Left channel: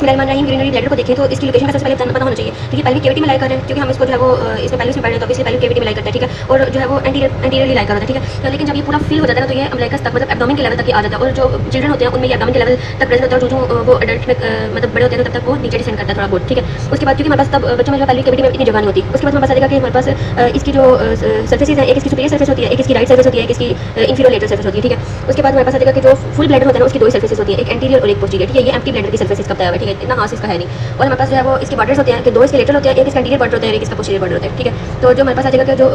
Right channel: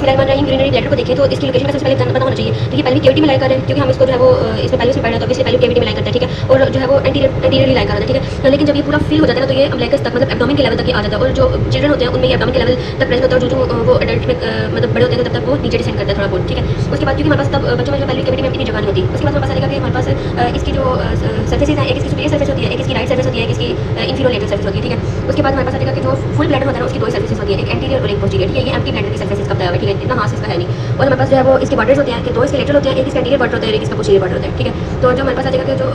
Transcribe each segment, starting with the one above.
Greenery bladder को देखें तो इसकी लोकेशन का सबसे पहले पता होना चाहिए, ठीक है। पहले केविटी में लाई कर रहे हैं क्योंकि हम इसको जो है वो इसमें पहले से पढ़े हैं तो इससे पहले केविटी में लाई करते हैं, ठीक है। और जो है वो एंटीरियरली लाई कर रहे हैं, ठीक है। लेकिन जब ये पूरा फिल हो जाता है ना तो ये अम्बिलिकस तक मतलब एब्डोमेन के लेवल तक ये आ जाता है। और जो चिल्ड्रन होते हैं उनमें ये एब्डोमेन के लेवल तक प्रेजेंट होता है, जो वो एडल्ट मतलब बड़े होते हैं तब तक वो नीचे डिसेंड करता है थोड़ा बहुत, ठीक है। उसके बाद क्योंकि हमारे पास तब बच्चे में जो पहले केविटी में इतनी जगह नहीं होती, उसके बाद हमारे पास आएगा कि हमारे पास इसकी जो सर्फेसेज है, एक इसकी सुपीरियर सर्फेस होती है, एक इसकी राइट सर्फेस होती है, एक इसकी इंफीरियर लेटरल सर्फेस होती है, ठीक है। उसके बाद हमारे पास आएगा कि जो फुल ब्लैडर होता है ना उसकी दो ही सर्फेसेज होती है, एक एंटीरियर और एक पोस्टीरियर, ठीक है। ये एम्प्टी ब्लैडर की सर्फेस इसका बताया हुआ है, ठीक है। इतना मास इसका है नहीं। और हमारे पास जो है वो इसके बॉर्डर्स होते हैं कि दो इसके लेटरल होते हैं, एक इसका एंटीरियर बॉर्डर होता है, एक इसका पोस्टीरियर बॉर्डर होता है, ठीक है। तो जो हमारे पास आएगा कि जो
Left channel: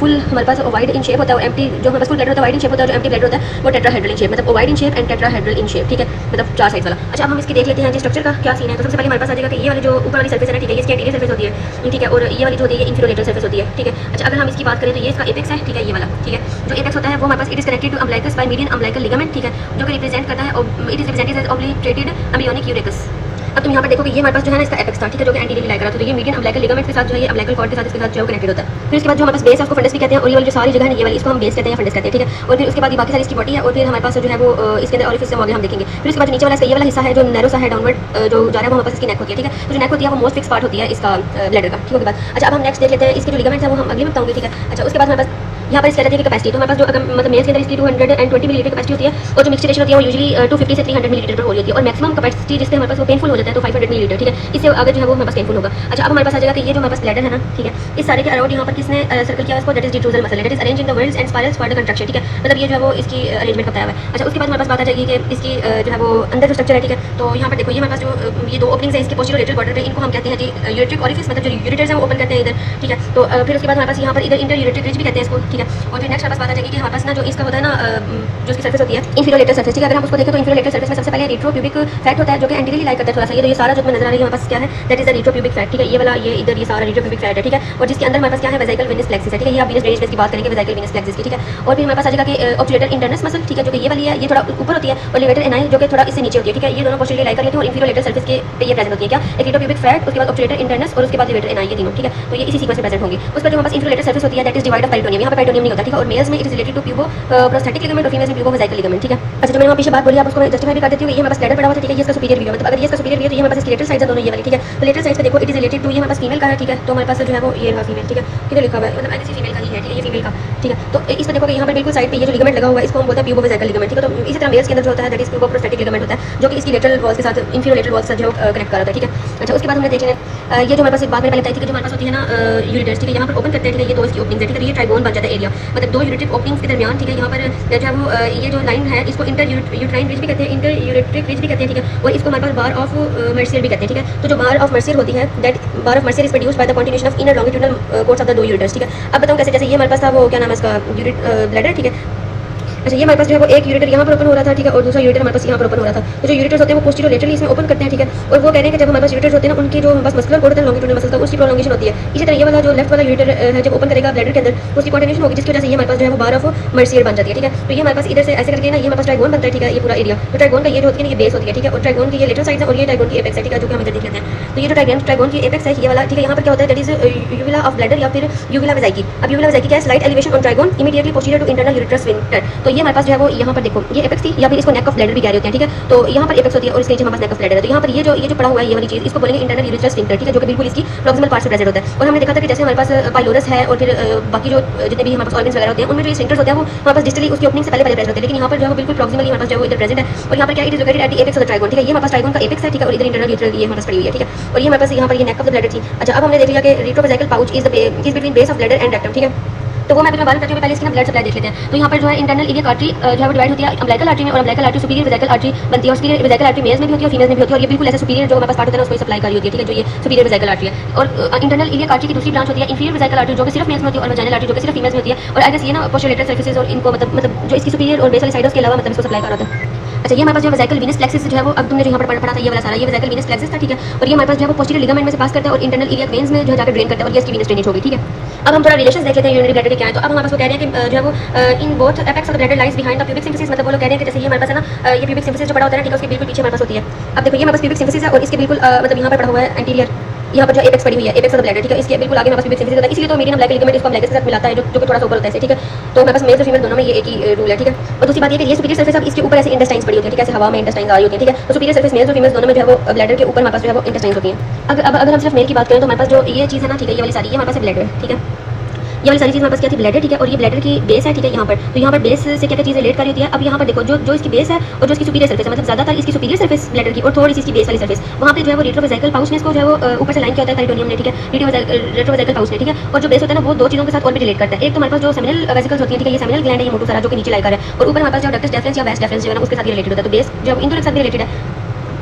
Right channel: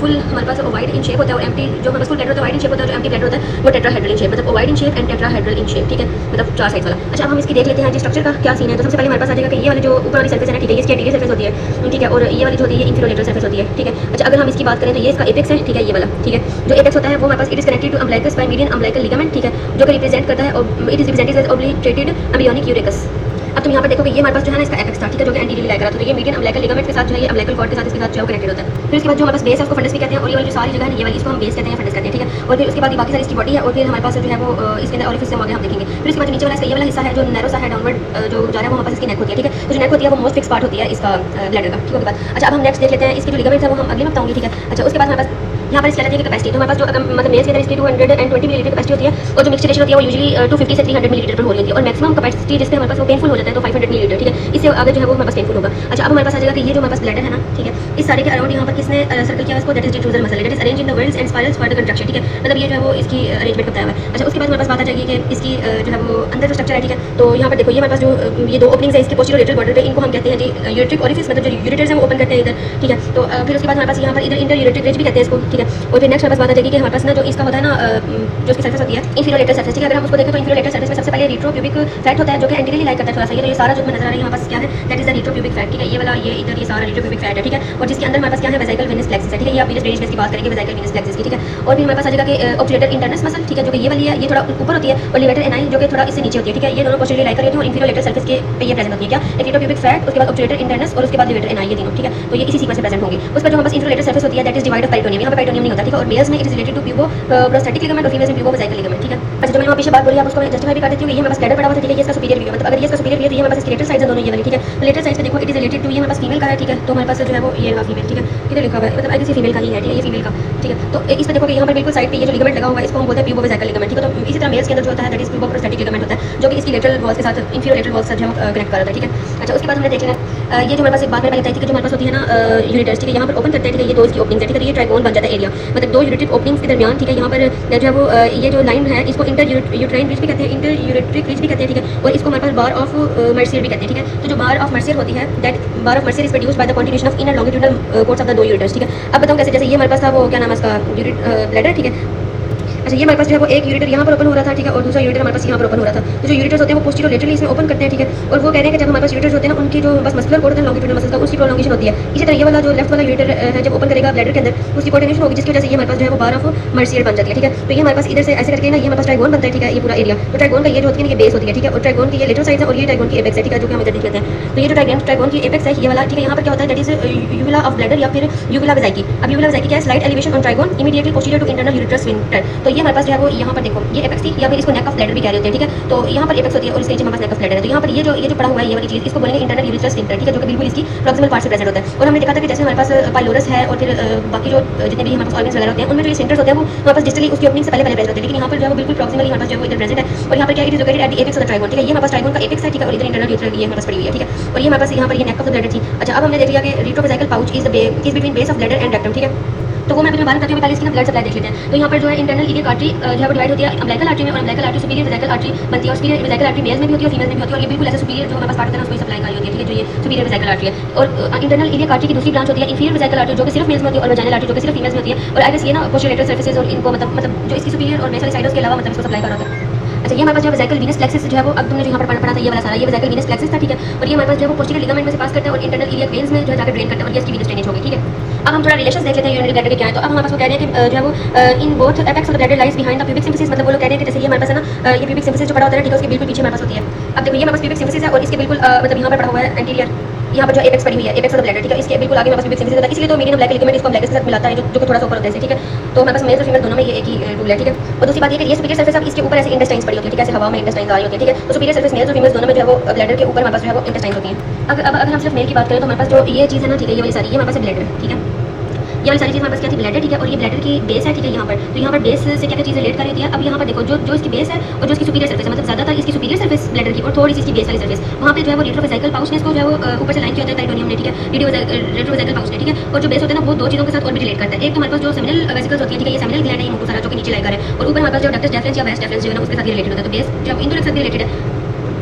फुल हमारे पास ओवाइड इन शेप होता है और एम्प्टी जो हमारे पास फुल ब्लैडर होता है ओवाइड इन शेप होता है, जो एम्प्टी ब्लैडर होता है वो टेट्राहेड्रल इन शेप, मतलब ओवाइड in shape and tetrahedral in shape, ठीक है। मतलब चार साइड वाला। अच्छा अब हम इसकी देख लेते हैं स्ट्रक्चर का क्या सीन है। तो सबसे पहले हमारे पास आ जाएगा कि ये वाली जो ऊपर वाली सर्फेस है ना, ठीक है, ये इसकी एंटीरियर सर्फेस होती है, ठीक है। और ये वाली जो होती है इंफीरियर लेटरल सर्फेस होती है, ठीक है। अच्छा अगर हम इसकी बात करें तो ये इसका एपेक्स है, ठीक है, ये वाला, ठीक है। जो एपेक्स होता है वो हमारे पास it is connected to umbilicus by median umbilical ligament, ठीक है, जो कि रिप्रेजेंट करता है it is represented as obliterated embryonic urachus. अब तुम यहाँ पर देखोगे ये हमारे पास जो है ना इसका एपेक्स था, ठीक है, जो कि एंटीरियर लाई करा, तो ये मीडियन अम्बिलिकल लिगामेंट के साथ जो है ये अम्बिलिकल कॉर्ड के साथ इसके साथ जो कनेक्टेड होता है। फिर उसके बाद जो हमारे पास बेस है उसको फंडस भी कहते हैं, और ये वाली जो सारी जगह है ये वाली इसको हम बेस कहते हैं, फंडस कहते हैं, ठीक है। और फिर उसके बाद बाकी सारी इसकी बॉडी है, और फिर हमारे पास जो है वो इसके अंदर ऑरिफिस हम देखेंगे। फिर उसके बाद नीचे वाला इसका ये वाला हिस्सा है जो नैरो सा है डाउनवर्ड जो जा रहा है वो हमारे पास इसकी नेक होती है, ठीक है। तो जो नेक होती है वो मोस्ट फिक्स पार्ट होती है इसका ब्लैडर का, ठीक है। अच्छा अब हम नेक्स्ट देख लेते हैं इसकी जो लिगामेंट है वो हम अगले में बताऊंगी, ठीक है। अच्छा उसके बाद हमारे पास यहाँ पर इस तरह की कैपेसिटी, तो हमारे पास जो मतलब मेल्स के अंदर इसकी 220 मिलीलीटर कैपेसिटी होती है, और जो मिक्सचर रेशियो होती है वो यूजुअली 250 से 300 मिलीलीटर पर हो रही होती है। और मैक्सिमम कैपेसिटी जिससे हमारे पास वो पेनफुल हो जाता है तो 500 मिलीलीटर, ठीक है। इससे आगे जो है वो हमारे पास पेनफुल होगा। अच्छा अब हमारे पास आ जाएगा कि ये जो हमारे पास ब्लैडर है ना, ठीक है, इस सारे के अराउंड यहाँ पर किसने सर्कल किया इसको, that is defusal muscle, that is arrange in the whorls and spirals for the construction, ठीक है। मतलब ये जो है वो इसकी अरेंजमेंट बताया हुआ है। अच्छा उसके बाद हमारे पास बात आ जाएगी कि इसकी जो है वो अंदर जो स्ट्रक्चर है, ठीक है। तो यहाँ पर देखो ये हमारे पास जो ये दो ओपनिंग्स है इसके पोस्टीरियर लेटरल बॉर्डर पे, इनको हम कहते हैं जी यूरेट्रिक ओरिफिस, मतलब जो यूरेटर्स है वो ओपन करते हैं इधर, ठीक है। तो फिर उसके बाद हमारे पास यहाँ पर इधर इंटर यूरेट्रिक रिज भी कहते हैं इसको, ठीक है। और फिर नेक्स्ट हमारे पास बात आ जाएगी कि हमारे पास ना जो इसका होता है ना जो इसकी सर्फेस होती है इंफीरियर लेटरल सर्फेस, ठीक है। अगर हम उसको देखें तो इंफीरियर लेटरल सर्फेस में सबसे पहले रेट्रोप्यूबिक फैट होता है जो कि एंटीरियरली लाई करता है थोड़ा सा, ये सारा जो नजर आ रही है हमारे पास क्या है, that is the retropubic fat, ठीक है। ये वाला ये इधर ये सारा रेट्रोप्यूबिक फैट है, ठीक है। और जिसके अंदर हमारे पास क्या है वेसिकल वेनस प्लेक्सिस है, ठीक है। ये आप वीनस ड्रेनेज की बात करेंगे वेसिकल वेनस प्लेक्सिस की, ठीक है। और फिर हमारे पास आ जाएगा कि ऑब्टुरेटर इंटरनस मसल, ठीक है, जो कि ये वाली है, ये थोड़ा ऊपर होती है, और लेवेटर एनाइल जो कि थोड़ा इससे नीचे होती है, ठीक है। ये दोनों पोस्टीरियरली लाई कर रही है और इंफीरियर लेटरल सर्फेस के पे ये प्रेजेंट होती है, क्या एक रेट्रोप्यूबिक फैट, उसके बाद ऑब्टुरेटर इंटरनस और उसके बाद लेवेटर एनाइल, ये तीनों, ठीक है। तो ये इसी सीक्वेंस में प्रेजेंट होंगी। उसका जो हमारे पास इंफीरियर लेटरल सर्फेस होती है that is divide of peritoneum, यहाँ पर पेरिटोनियम नहीं होता, ठीक है। और मेल्स में it is related to puboprostatic ligament और फीमेल्स में प्यूबो वेसिकल लिगामेंट, ठीक है। अच्छा जो मैंने पीछे बात बोली आप उसको मैं जस्टिफाई भी कर देती हूँ। ये हमारे पास कैडर पड़ा हुआ था, ठीक है, ये इसका सुपीरियर व्यू है, मतलब अगर ये इसका सुपीरियर व्यू है तो ये हमारे पास लेटरल साइड है दोनों ये वाली, ठीक है। तो लेटरल साइड पे देखो इट इज रिलेटेड टू ये हमारे पास फीमेल का है, ठीक है। तो हमारे पास जो है वो ये रहा फीमेल, ठीक है, किधर लिखा हुआ है, मतलब आई गेस ये फीमेल का ही है, ठीक है, ये फीमेल का, ठीक है। तो इसमें देखो यहाँ पर बिल्कुल साइड पे ये जो लिगामेंट लगा हुआ है इसको हम बोलते हैं प्यूबो वेसिकल लिगामेंट, ठीक है। तो इसी तरह मेल्स के अंदर जो होता है दैट इज प्यूबो प्रोस्थेटिक लिगामेंट होता है जो कि इसकी लेटरल वॉल्स के साथ इंफीरियर लेटरल वॉल्स से जो कनेक्ट कर रहा था, ठीक है। अच्छा उसके बाद हमने देख लेना ये जो हमारे पास एक बात मैंने बताई थी कि जो हमारे पास होती है ना यूरिटर्स, ठीक है, यहाँ पर ओपन करते हैं, ठीक है, ये दो इसकी ओपनिंग्स है, ठीक है। ये ट्राइगोन बन जाता है एरिया, मतलब दो यूरिट्रिक ओपनिंग्स के दरमियान, ठीक है। यहाँ पर जो है वो ये जो लाइन है इसको इंटर यूट्राइन रिज भी कहते हैं, इंटर यूरेट्रिक रिज भी कहते हैं, ठीक है। और इसको हमारे पास बार ऑफ मर्सियर भी कहते हैं, ठीक है। तो जो बार ऑफ मर्सियर होती है that bar of Mercier is produced by the contribution of inner longitudinal chords of the दो यूरिटर्स, ठीक है। अब बताऊँ कैसे, जैसे ये हमारे पास था वो क्या नाम है इसका ब्लैडर, ठीक है। अच्छा ये हमारे पास जो है वो एक यूरिटर यहाँ पर ओपन हो रहा था, ठीक है, और दूसरा यूरिटर हमारे पास यहाँ पर ओपन हो रहा था। तो जो यूरिटर्स होते हैं वो पोस्टीरियर लेटरली इसमें ओपन करते हैं, ठीक है। और वो कह रहे हैं कि जब हमारे पास यूरिटर्स होते हैं ना उनकी जो बस मस्कुलर कोर्ड होता है लॉन्गिट्यूडनल मसल, तो उसकी प्रोलॉन्गेशन होती है। इसी तरह ये वाला जो लेफ्ट वाला यूरिटर है जब ओपन करेगा ब्लैडर के अंदर उसकी कोऑर्डिनेशन होगी, जिसकी वजह से ये हमारे पास जो है वो बार ऑफ मर्सियर बन जाती है, ठीक है। तो ये हमारे पास इधर से ऐसे करके ना ये हमारे पास ट्राइगोन बनता है, ठीक है, ये पूरा एरिया। तो ट्राइगोन का ये जो होती है ये बेस होती है, ठीक है। और ट्राइगोन की ये लेटरल साइड है और ये ट्राइगोन की एपेक्स है, ठीक है, जो कि हम इधर देख लेते हैं। तो ये जो ट्राइगोन की एपेक्स है ये वाला, ठीक है। यहाँ पर क्या होता है that is uvula of bladder या फिर यूविला वेसिकी। अब यूविला वेसिकी क्या है, slight elevation on trigone immediately posterior to internal ureter sphincter. तो ये हमारे पास जो है वो यहाँ पर देखो ये एपेक्स थी या फिर इसको नेक ऑफ ब्लैडर भी कह रहे होते हैं, ठीक है। तो यहाँ पर एपेक्स होती है और इसके नीचे हमारे पास नेक ऑफ ब्लैडर है। तो यहाँ पर ये जो पड़ा हुआ है ये वाली चीज इसको बोलेंगे इंटरनल यूरेटर स्फिंक्टर, ठीक है, जो कि बिल्कुल इसकी प्रॉक्सिमल पार्ट से प्रेजेंट होता है। और हमने देखा था कि जैसे हमारे पास पाइलोरस है और फिर बाकी जो जितने भी हमारे पास ऑर्गन्स वगैरह होते हैं उनमें जो स्फिंक्टर्स होते हैं वो हमारे पास डिस्टली उसकी ओपनिंग से पहले प्रेजेंट होते हैं, लेकिन यहाँ पर जो है बिल्कुल प्रॉक्सिमली हमारे पास जो है इधर प्रेजेंट है। और यहाँ पर क्या it is located at the apex of the trigon, ठीक है। ये हमारे पास ट्राइगोन का एपेक्स है, ठीक है, और इधर इंटरनल यूरेटर ये हमारे पास पड़ी हुई है, ठीक है। और ये हमारे पास यहाँ पर ये नेक ऑफ द ब्लैडर थी। अच्छा अब हमने देख लिया कि retrovesical pouch is between base of bladder and rectum, ठीक है। तो वो मैं अभी बात करती हूँ, पहले इसकी ब्लड सप्लाई देख लेते हैं। तो यहाँ पर जो है इंटरनल इलियक आर्टरी जो है वो डिवाइड होती है अम्बिलिकल आर्टरी में, और umbilical artery superior vesicle artery बनती है। और सुपीरियर वेसिकल आर्टरी मेल्स में भी होती है और फीमेल्स में भी होती है, और ये बिल्कुल ऐसे सुपीरियर जो हमारे पास पार्ट होता है उसको सप्लाई कर रही होती है, ठीक है, जो ये सुपीरियर वेसिकल आर्टरी है। और इंटरनल इलियक आर्टरी की दूसरी ब्रांच होती है इंफीरियर वेसिकल आर्टरी जो कि सिर्फ मेल्स में होती है, और वजाइनल आर्टरी जो कि सिर्फ फीमेल्स में होती है। और आई गेस ये ना पोस्टीरियर लेटरल सर्फेसेस और इनको मतलब जो इसकी सुपीरियर और बेसल साइड्स के अलावा मतलब इसको सप्लाई कर रहा है। अच्छा ये हमारे पास जो वेसिकल वीनस प्लेक्सिस जो है वो अब तुमने जो यहाँ पर पढ़ा था ये वाला सारा ये वेसिकल वीनस प्लेक्सिस था, ठीक है। और ये हमारे पास जो है वो पोस्टीरियर लिगामेंट में से पास करता है और इंटरनल इलियक वेन्स में जो है जाकर ड्रेन करता है, और ये इसकी वीनस ड्रेनेज होगी, ठीक है। अब हम थोड़ा रिलेशन देख लेते हैं यूरिनरी ब्लैडर के क्या है। तो अब हमारे पास वो कह रहे हैं कि जो है वो in both apex of the bladder lies behind the pubic symphysis, मतलब वो लोग कह रहे हैं कि जैसे ये हमारे पास है ना ये प्यूबिक सिम्फिसिस जो पड़ा होता है, ठीक है, उसके बिल्कुल पीछे हमारे पास होती है। अब देखो ये हमारे पास प्यूबिक सिम्फिसिस है और इसके बिल्कुल मतलब यहाँ पर पड़ा हुआ है एंटीरियर यहाँ पर जो एपेक्स पड़ी हुई है, एपेक्स और ब्लैडर, ठीक है, इसके बिल्कुल आगे हमारे पास यूबिक सिम्फिसिस होता है, इसलिए तो मीडियन अम्बिलिकल लिगामेंट इसको अम्बिलिकस के साथ मिलाता है, जो कि थोड़ा सा ऊपर होता है, ठीक है। तो हमारे पास मेल और फीमेल दोनों में ये एक ही रूल है, ठीक है। और दूसरी बात ये कि ये सुपीरियर सर्फेस, इसके ऊपर ऐसे इंटेस्टाइन्स पड़ी होती है, ठीक है, ऐसे हवा में इंटेस्टाइन्स आ रही होती है, ठीक है। तो सुपीरियर सर्फेस मेल और फीमेल दोनों में जो है वो ब्लैडर के ऊपर हमारे पास जो है वो इंटेस्टाइन्स होती हैं। अब अगर हम सिर्फ मेल की बात करें तो हमारे पास जो ये चीज़ है ना, ठीक है, ये वाली सारी, ये हमारे पास ब्लैडर, ठीक है, ये वाली सारी चीज़ हमारे पास क्या थी, ब्लैडर, ठीक है। और ये ब्लैडर की बेस है, ठीक है, यहाँ पर, तो यहाँ पर बेस से क्या क्या चीज़ रिलेट कर रही है। अब यहाँ पर देखो, जो इसकी बेस है और जो इसकी सुपीरियर सर्फेस है, मतलब ज़्यादातर इसकी सुपीरियर सर्फेस ब्लैडर की और थोड़ी सी इसकी बेस वाली सर्फेस, वहाँ पे जो है वो रेट्रोवेसिकल पाउच में इसको जो है वो ऊपर से लाइन किया होता है पेरिटोनियम ने, ठीक है, रेट्रोवेसिकल पाउच में, ठीक है। और जो बेस होता है ना वो दो चीज़ों के साथ और भी रिलेट करता है। एक तो हमारे पास जो सेमिनल वेसिकल्स होती है, ठीक है, ये सेमिनल ग्लैंड है, ये मोटो सारा जो कि नीचे लाइक कर है, और ऊपर हमारे पास जो डक्टस डेफरेंस या वेस्ट डेफरेंस जो है ना उसके साथ रिलेटेड होता है। तो बेस जब इन दोनों के साथ रिलेटेड है,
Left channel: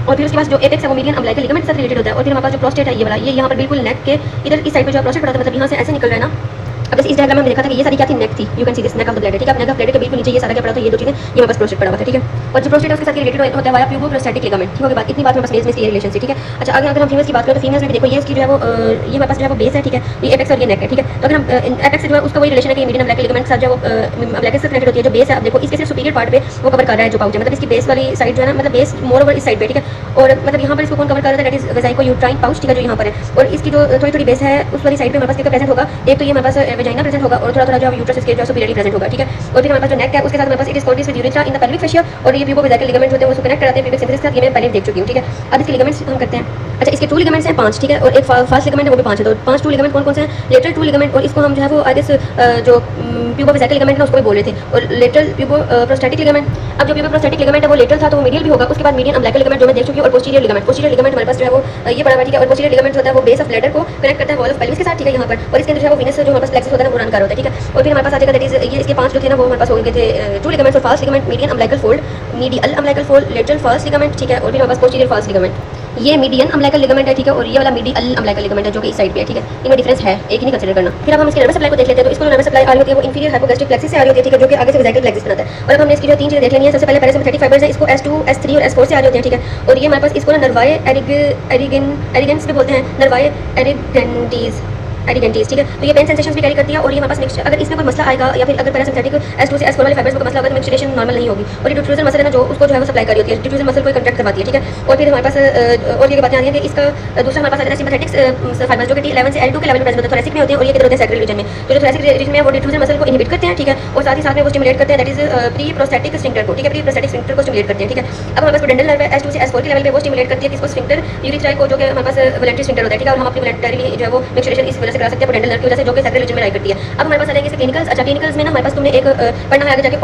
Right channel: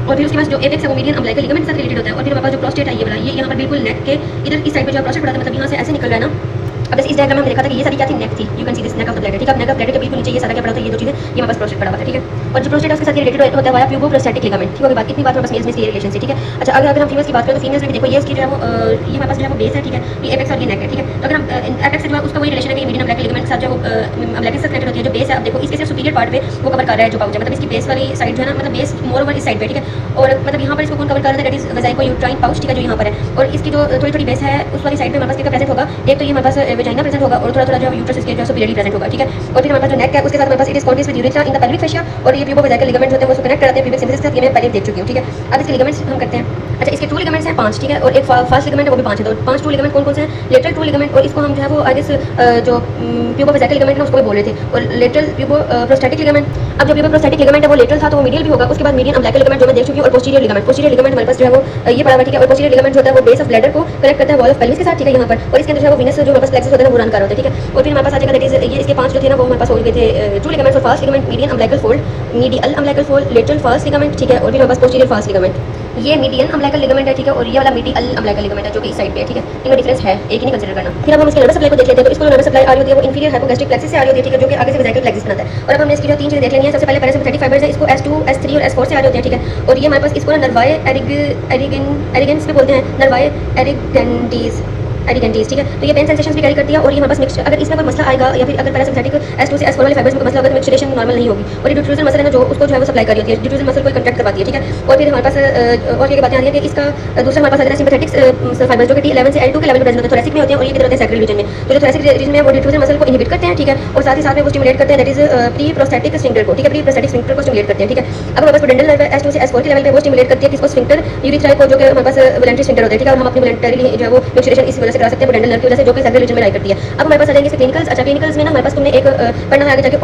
और फिर उसके पास जो एपेक्स है वो मीडियन अम्बिलिकल लिगामेंट के साथ रिलेटेड होता है। और फिर हमारे पास जो प्रोस्टेट है ये वाला, ये यहाँ पर बिल्कुल नेक के इधर इस साइड पर जो प्रोस्टेट पड़ा था, मतलब यहाँ से ऐसे निकल रहा है ना। अब इस डायग्राम में हमने देखा था कि ये सारी क्या थी, नेक थी, you can see this neck of the bladder, ठीक है। नेक ऑफ ब्लैडर के बिल्कुल नीचे ये सारा क्या पड़ा था, ये दो चीजें, ये हमारे पास प्रोस्टेट पड़ा हुआ था, ठीक है। और जो प्रोस्टेट उसके साथ रिलेटेड होता है वाया प्यूबो प्रोस्टैटिक लिगामेंट, ठीक है। बात इतनी बात हमारे पास मेल्स में इसकी रिलेशन से, ठीक है। अच्छा, अगर हम फीमेल्स की बात करें तो फीमेल्स में भी देखो ये इसकी जो है वो ये हमारे पास जो है वो बेस है, ठीक है, ये एपेक्स और ये नेक है, ठीक है। तो अगर हम एपेक्स से जो है उसका वही रिलेशन है कि मीडियन अम्बिलिकल लिगामेंट के साथ जो अम्बिलिकस से कनेक्टेड होती है, जो बेस है। अब देखो इसके सिर्फ सुपीरियर पार्ट पे वो कवर कर रहा है जो पाउच है, मतलब इसकी बेस वाली साइड जो है ना, मतलब बेस मोर ओवर इस साइड पे, ठीक है। और मतलब यहाँ पर इसको कौन कवर कर रहा है, दैट इज वेजाइको यूट्राइन पाउच, ठीक है, जो यहाँ पर है। और इसकी जो थोड़ी थोड़ी बेस है उस वाली साइड पे हमारे पास क्या प्रेजेंट होगा, एक तो ये हमारे पास वेजाइना प्रेजेंट होगा और थोड़ा थोड़ा जो यूट्रस इसके जो सुपीरियरली प्रेजेंट होगा, ठीक है। और फिर हमारे पास जो नेक है उसके साथ हमारे पास it is contact with urethra in the pelvic fascia, और ये प्यूबो वेजाइकल लिगामेंट होते हैं उसको कनेक्ट कराते हैं पेल्विक सिम्फिसिस के साथ, ये मैं पहले देख चुकी हूँ, ठीक है। अब इसके लिगामेंट्स हम करते हैं। अच्छा, इसके 2 लिगामेंट्स हैं 5, ठीक है, और एक फास्ट लिगामेंट है वो भी 5 है। तो 5 2 लिगामेंट कौन से हैं, लेटरल 2 लिगामेंट, और इसको हम जो है वो आई गेस जो प्यूबो वेजाइकल लिगामेंट ना उसको भी बोल रहे थे, और लेटरल प्यूबो प्रोस्टैटिक लिगामेंट। अब जो प्यूबो प्रोस्टैटिक लिगामेंट है वो लेटरल था तो वो मीडियल भी होगा, उसके बाद मीडियन अम्बिलिकल लिगामेंट जो मैं देख चुकी हूँ, और पोस्टीरियर लिगामेंट हमारे पास जो है वो ये पड़ा हुआ है, ठीक है। और पोस्टीरियर लिगामेंट जो होता है वो बेस ऑफ ब्लैडर को कनेक्ट करता है वॉल ऑफ पेल्विस के साथ, ठीक है, यहाँ पर। और इसके अंदर जो है वो विनस जो हमारे पास प्लेक्सस होता है वो रन कर होता है, ठीक है। और फिर हमारे पास आ जाएगा दैट इज ये इसके 5 जो थे ना वो हमारे पास हो गए थे 2 लिगामेंट्स, और fast ligament, median umbilical fold, medial umbilical fold, lateral fast ligament, ठीक है। और फिर हमारे पास पोस्टीरियर फास्ट लिगामेंट, ये मीडियन अम्बिलिकल लिगामेंट है, ठीक है। और ये वाला मीडियल अम्बिलिकल लिगामेंट है जो कि इस साइड पे है, ठीक है। इनमें डिफरेंस है, एक ही नहीं कंसीडर करना। फिर हम इसके नर्वस सप्लाई को देख लेते हैं। तो इसको नर्वस सप्लाई आ रही होती है वो इंफीरियर हाइपोगैस्ट्रिक प्लेक्सस से आ रही होती है, ठीक है, जो कि आगे से वेजाइकल प्लेक्सस बनाता है। और अब हमने इसकी जो 3 चीजें देख लेंगी है। सबसे पहले पैरासिम्पैथेटिक फाइबर्स है, इसको S2 S3 और S4 से आ रही होती है, ठीक है। और ये हमारे पास इसको नर्वाए एरिगेंस भी बोलते हैं, नर्वाए एरिगेंटीज, ठीक है। तो ये पेन सेंसेशंस भी कैरी करती है। और ये हमारे पास मिक्सचर, अगर इसमें कोई मसला आएगा या फिर अगर पैरासिम्पैथेटिक S2 से S4 वाले फाइबर्स में कोई मसला होगा तो मिक्सचरेशन नॉर्मल नहीं होगी। और ये ड्यूट्रोजन मसल है ना जो उसको जो है वो सप्लाई कर रही होती है, ड्यूट्रोजन मसल को कंट्रैक्ट करवाती है, ठीक है। और फिर हमारे पास और ये बातें आ रही है कि इसका दूसरा हमारे पास आता है सिंपैथेटिक फाइबर्स जो कि T11 से L2 के लेवल पे प्रेजेंट होते हैं, थोरैसिक में होते हैं, और ये किधर होते हैं सैक्रल रीजन में। तो जो थोरैसिक रीजन में वो ड्यूट्रोजन मसल को इनहिबिट करते हैं, ठीक है। और साथ ही साथ में वो स्टिमुलेट करते हैं, that is pre prostatic sphincter को, ठीक है, प्री प्रोस्टैटिक स्फिंक्टर को स्टिमुलेट करते हैं, ठीक है। अब हमारे पास पेडेंटल नर्व है S2 से S4 के लेवल पे, वो स्टिमुलेट करती है किसको, स्फिंक्टर यूरिथ्रा को, जो कि हमारे पास वोलेंट्री स्फिंक्टर होता है, ठीक है। और हम अपनी वोलेंटरी जो है वो मिक्सचरेशन इस वजह से करा सकते हैं पेडेंटल नर्व की वजह से, जो कि सैक्रल रीजन में लाई करती है। अब हमारे पास आ जाएंगे क्लिनिकल्स। अच्छा, क्लिनिकल्स में ना हमारे पास तुमने एक पढ़ना है आगे जाके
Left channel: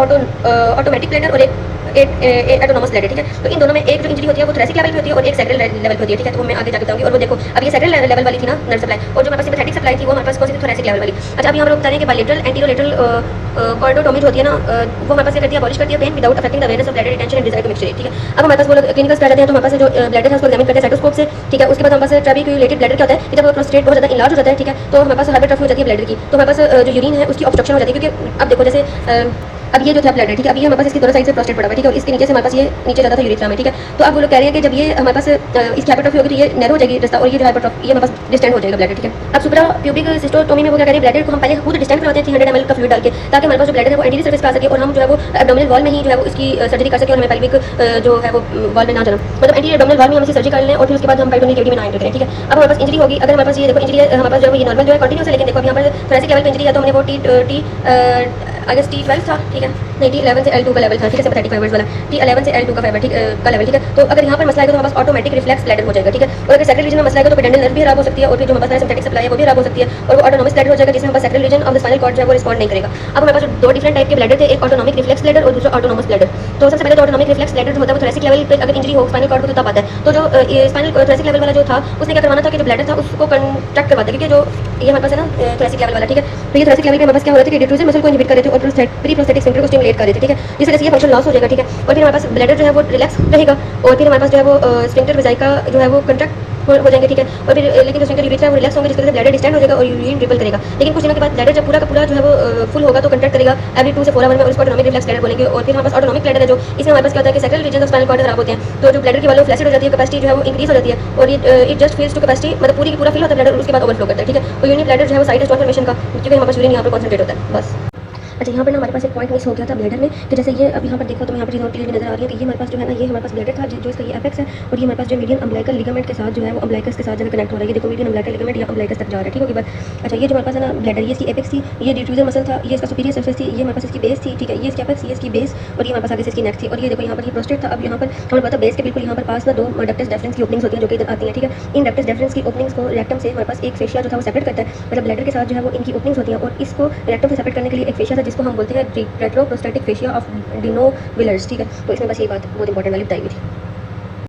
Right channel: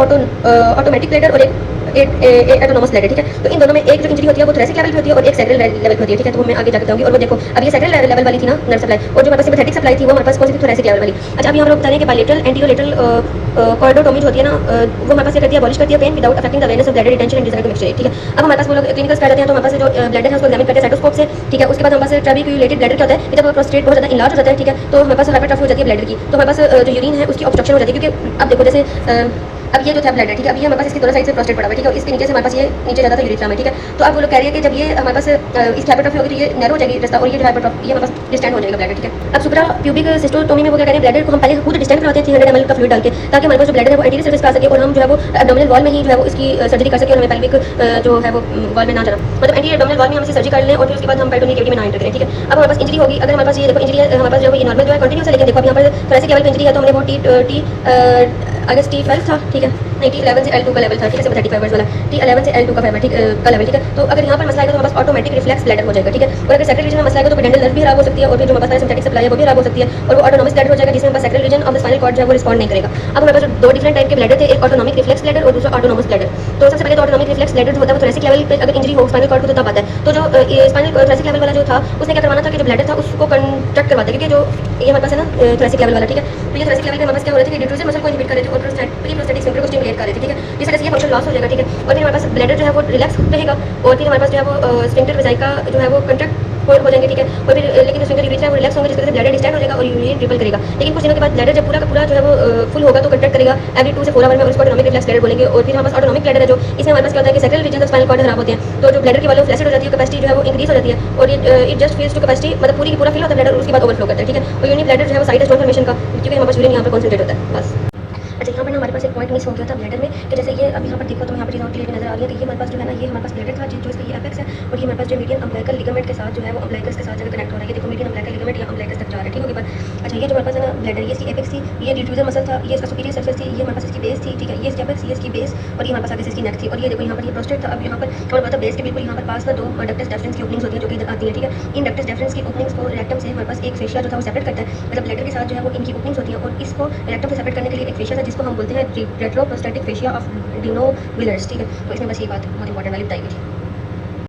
ऑटोमेटिक प्लेटर और एक ऑटोनोमस प्लेटर, ठीक है। तो इन दोनों में एक जो इंजरी होती है वो थोरैसिक लेवल पे होती है और एक सैक्रल लेवल पे होती है, ठीक है। तो मैं आगे जाके बताऊंगी। और वो देखो अब ये सैक्रल लेवल वाली थी ना नर्व सप्लाई, और जो हमारे पास सिंपैथेटिक सप्लाई थी वो हमारे पास कौन सी थी, थोरैसिक लेवल वाली। अच्छा, अभी हम लोग बता रहे हैं कि बायलेटरल एंटीरोलेटरल कॉर्डोटोमी जो होती है ना वो हमारे पास क्या करती है, अबॉलिश करती है pain without affecting the awareness of bladder retention and desire to mixture, ठीक है। अब हमारे पास वो लोग क्लिनिकल्स कर लेते हैं। तो हमारे पास जो ब्लैडर है उसको एग्जामिन करते हैं स्टेथोस्कोप से, ठीक है। उसके बाद हमारे पास ट्रैबिक्युलेटेड ब्लैडर क्या होता है, जब वो प्रोस्टेट बहुत ज्यादा इनलार्ज हो जाता है, ठीक है, तो हमारे पास हाइपरट्रॉफी हो जाती है ब्लैडर की। तो हमारे पास जो यूरिन है उसकी ऑब्स्ट्रक्शन हो जाती है, क्योंकि अब देखो जैसे अब ये जो था ब्लैडर, ठीक है, अब ये हमारे पास इसकी दोनों साइड से प्रोस्टेट पड़ा हुआ है, ठीक है। और इसके नीचे से हमारे पास ये नीचे जाता था यूरेथ्रा में, ठीक है। तो अब वो लोग कह रहे हैं कि जब ये हमारे पास इसकी हाइपरट्रॉफी होगी तो ये नैरो हो जाएगी रास्ता, और ये जो हाइपरट्रॉफी ये हमारे पास डिस्टेंड हो जाएगा ब्लैडर, ठीक है। अब सुप्रा प्यूबिक सिस्टोटोमी में वो क्या करें, ब्लैडर को हम पहले खुद डिस्टेंड करवाते हैं 300 ml का फ्लूइड डाल के, ताकि हमारे पास जो ब्लैडर है वो एंटीरियर सर्फेस पे आ सके और हम जो है वो एब्डोमिनल वॉल में ही जो है वो इसकी सर्जरी कर सके, और हमें पेल्विक जो है वो वॉल में ना जाना, मतलब एंटीरियर एब्डोमिनल वॉल में हम इसे सर्जरी कर लें और फिर उसके बाद हम पेरिटोनियल कैविटी में ना एंटर करें, ठीक है। अब हमारे पास इंजरी होगी, अगर हमारे पास ये देखो इंजरी है हमारे पास जो है ये नॉर्मल जो है कंटिन्यूस है, लेकिन देखो अभी यहाँ पर थोरैसिक लेवल पे इंजरी है तो हमने वो T12 था, ठीक है, नहीं T11 से L2 का लेवल था, ठीक है, सिंपैथेटिक फाइबर्स वाला T11 से L2 का फाइबर, ठीक का लेवल, ठीक है। तो अगर यहाँ पर मसला है तो हमारे पास ऑटोमेटिक रिफ्लेक्स ब्लैडर हो जाएगा, ठीक है। और अगर सैक्रल रीजन में मसला है तो पेडेंटल नर्व भी खराब हो सकती है, और फिर जो हमारे पास सिंपैथेटिक सप्लाई है वो भी खराब हो सकती है, और वो ऑटोनोमस ब्लैडर हो जाएगा जिसमें हमारे sacral region of the spinal cord जो है वो रिस्पॉन्ड नहीं करेगा। अब हमारे पास दो डिफरेंट टाइप के ब्लैडर थे, एक ऑटोनॉमिक रिफ्लेक्स ब्लैडर और दूसरा ऑटोनोमस ब्लैडर। तो सबसे पहले जो ऑटोनॉमिक रिफ्लेक्स ब्लैडर जो होता है वो थोरैसिक लेवल पे अगर इंजरी हो स्पाइनल कॉर्ड को तो तब आता है। तो जो स्पाइनल थोरैसिक लेवल वाला जो था उसने क्या करवाना था कि जो ब्लैडर था उसको कंट्रैक्ट करवाते, क्योंकि जो ये हमारे पास है ना थोरैसिक लेवल वाला, ठीक है। तो ये थोरैसिक लेवल पे हमारे पास क्या हो रहा था कि ड्यूट्रोजन मसल को इनहिबिट कर रहे थे और प्री प्रोस्टैटिक स्फिंक्टर को स्टिमुलेट कर रहे थे, ठीक है, जिस वजह से ये फंक्शन लॉस हो जाएगा, ठीक है। और फिर हमारे पास ब्लैडर जो है वो रिलैक्स रहेगा, और फिर हमारे पास जो है वो स्फिंक्टर वेजाइका जो है वो कंट्रैक्ट हो जाएंगे, ठीक है। और फिर लेकिन जो स्फिंक्टर यूरिथ्रा वो रिलैक्स होंगे, जिसकी वजह से ब्लैडर डिस्टेंड हो जाएगा और यूरिन ट्रिपल करेगा, लेकिन कुछ दिनों के बाद ब्लैडर जब पूरा का पूरा जो है वो फुल होगा तो कंट्रैक्ट करेगा एवरी 2 से 4 आवर में, और उसको ऑटोनॉमिक रिफ्लेक्स ब्लैडर बोलेंगे। और फिर हमारे पास ऑटोनॉमिक ब्लैडर है जो इसमें हमारे पास क्या होता है कि sacral region of spinal cord खराब होते हैं, तो जो ब्लैडर की वाली फ्लैसिड हो जाती है, कैपेसिटी जो है वो इंक्रीज हो जाती है, और ये it just fails to capacity, मतलब पूरी पूरा फिल होता है ब्लैडर और उसके बाद ओवरफ्लो करता है, ठीक है। तो यूनि ब्लैडर जो है वो साइट ऑफ स्टोन फॉर्मेशन का, क्योंकि हमारे पास यूरिन यहाँ पर कॉन्सेंट्रेट होता है, बस। अच्छा, यहाँ पर ना हमारे पास एक पॉइंट मिस हो गया था ब्लैडर में कि जैसे ये अभी यहाँ पर देखो तो यहाँ पर चीज़ और क्लियर नजर आ रही है कि ये हमारे पास जो है ना, ये हमारे पास ब्लैडर था जो इसका ये एपेक्स है, और ये हमारे पास जो मीडियम अम्बिलिकल लिगामेंट के साथ जो है वो अम्बिलिकस के साथ जो कनेक्ट हो रहा है। देखो मीडियम अम्बिलिकल लिगामेंट या अम्बिलिकस तक जा रहा है, ठीक होगी बात। अच्छा, ये जो हमारे पास है ना ब्लैडर, ये इसकी एपेक्स थी, ये डिफ्यूजर मसल था, ये इसका सुपीरियर सरफेस थी, ये हमारे पास इसकी बेस थी, ठीक है, ये इसकी एपेक्स, ये इसकी बेस, और ये हमारे पास आगे से इसकी नेक थी, और ये देखो यहाँ पर ये प्रोस्टेट था। अब यहाँ पर हमारे पास तो बेस के बिल्कुल यहाँ पर पास ना दो डक्टस डेफरेंस की ओपनिंग्स होती हैं जो कि इधर आती हैं, ठीक है। इन डक्टस डेफरेंस की ओपनिंग्स को रेक्टम से हमारे पास एक फेशिया जो था वो सेपरेट करता है, मतलब ब्लैडर के साथ जो है वो इनकी ओपनिंग्स होती हैं, और इसको रेक्टम से सेपरेट करने के लिए एक फेशिया था जिसको हम बोलते हैं रेट्रोप्रोस्टेटिक फेशिया ऑफ डिनोविलर्स, ठीक है। तो इसमें बस ये बात बहुत इंपॉर्टेंट वाली बताई गई।